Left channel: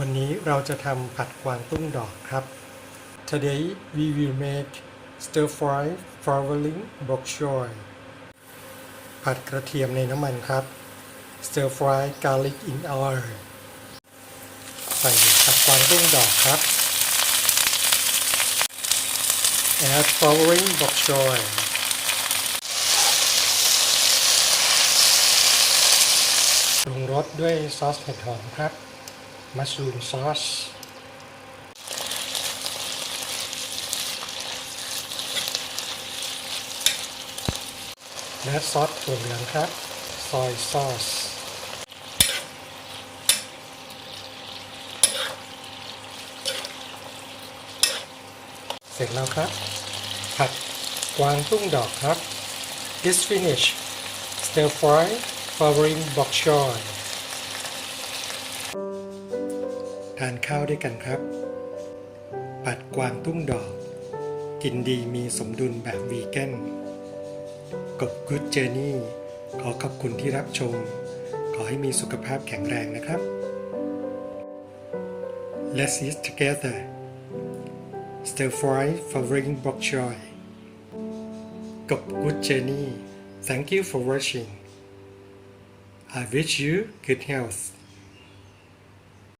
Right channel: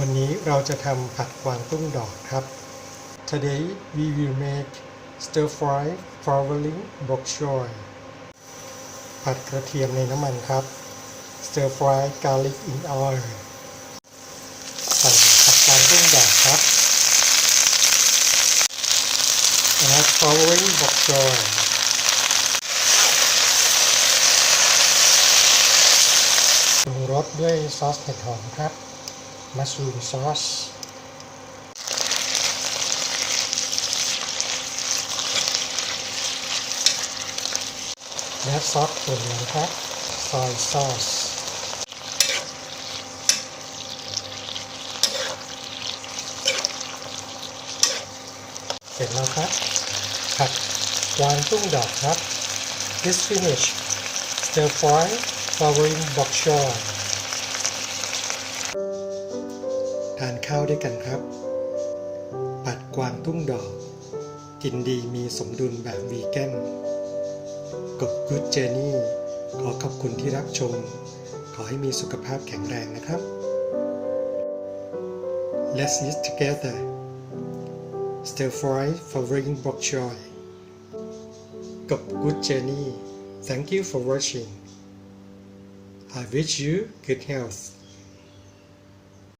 วันนี้เราจะทำผัดกวางตุ้งดอกครับ Today we will make stir fry flowering bok choy ผัดกระเทียมในน้ำมันครับ stir fry garlic in oil ใส่ผัดกวางตุ้งดอกครับ add flowering bok choy ปรุงรสด้วยซอสเห็ดหอมครับ มัสรูมซอสและซอสถั่วเหลืองครับ ซอยซอส เสร็จแล้วครับ ผัดกวางตุ้งดอกครับ This finish stir fry f o w e r i n g bok choy ทานข้าวด้วยกันครับ ปัดกวางตุ้งดอก กินดีมีสมดุลแบบวีแกนกบกุ๊ดเจอร์นี่ขอขอบคุณที่รับชม ขอให้มีสุขภาพแข็งแรงนะครับ Let's eat together Stir fry for bringing bok choy กบกุ๊ดเจอร์นี่ Thank you for watching I wish you good health